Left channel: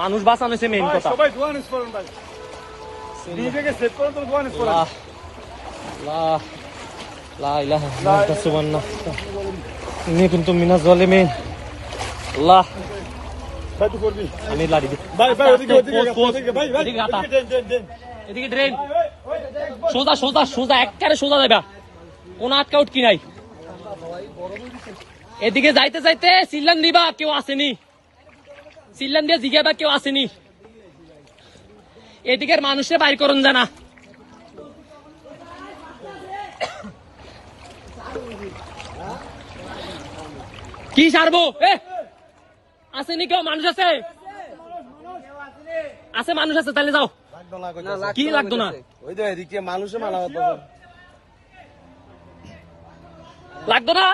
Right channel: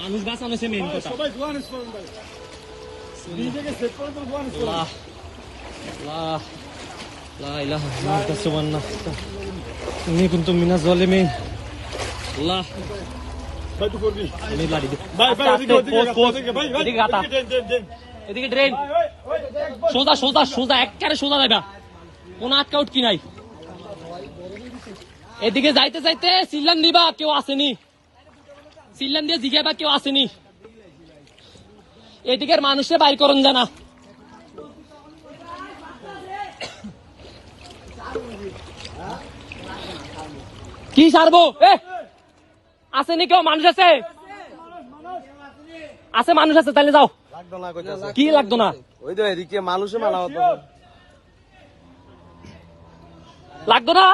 মানুষ বাঁচানো হচ্ছে মেইন কথা। সবাই দোয়া নিস করেন ভাই, নিজেকে সেট করেন তো দোয়া নিস করেন। আল্লাহ আল্লাহ লা ইলাহা ইল্লাল্লাহ সুবহানাল্লাহ ইন্নী কুনতু মিনাজ জালিমিন। আল্লাহ ভাই তুই করবি আমি লাড়ি দি ভাই ভাই ওদিকে ওদিকে ভাই ভাই এদিকে গাতা। দেন এদিকে ড্রেন সোজা সোজা সোজা একবারে সোজা যাবা, কোন আটকাউট কি নাই। এদিকে যাইতে যাইতে চিল্লান দিবা কেউ আসেনি, চিল্লান দিয়ে জিজ্ঞাবা কেউ আসেনি। এদিকের মানুষে বাইর করুন জানা। কি সারবো আসেনি কেউ, মানুষ আছে আছে মানুষ আছে, তাহলে যাও। কি লাগতো না, ওই তো এদিকে মানুষে মালা হতো লাগতো না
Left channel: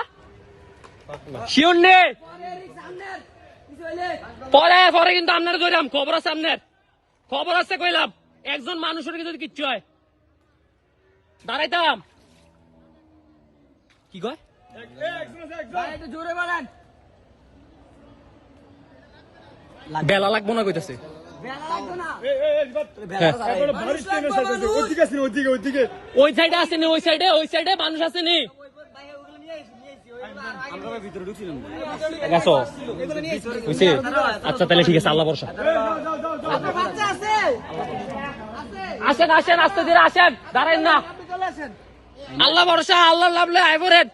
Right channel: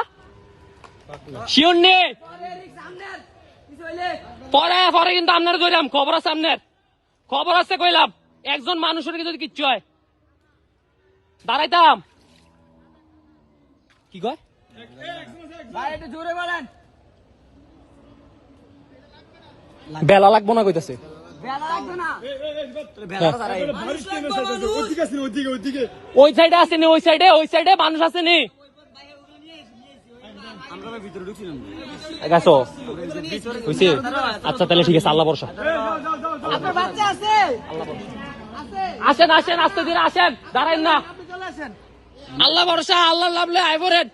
শিওর নে। পরে পরে কিন্তু আপনার কইলাম খবর আছে, আপনার খবর আছে কইলাম। একজন মানুষের যদি কিচ্ছু হয় দাঁড়াইতাম। কি কয় বেলা লাগবো না কইতাছে। ওই সাইডে আসেনি, ওই সাইডে মানুষ আসেনি। গেছো বুঝছি। আচ্ছা তাহলে ঠিক আছে, আল্লাহ ভরসা। আসেন আসেন আস্তে ধীরে আসেন, দাঁড়াইন না। আল্লাহ ভরসা, আল্লাহ লাভলে আইবরেন।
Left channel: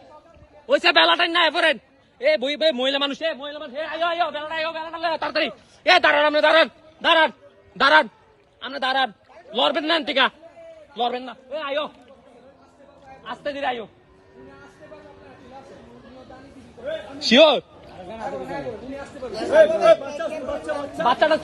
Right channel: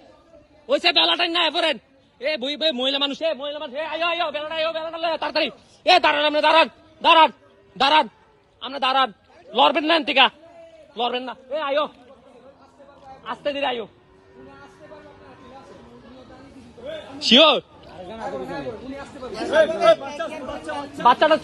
ওইসে বেলাটাই না আইবরেন। এ বই বই মহিলা মানুষ, মহিলা মানুষ আয়ো আয়ো বেলাটা আয়ো, বেলাটা তাড়াতাড়ি। এ দাঁড়ান, আপনি দাঁড়ান দাঁড়ান দাঁড়ান, আপনি দাঁড়ান। লড়বেন না এনতিকা, লড়বেন না। এ আয়ো আস্তে ধীরে আয়ো। শিওর বাচ্চাটা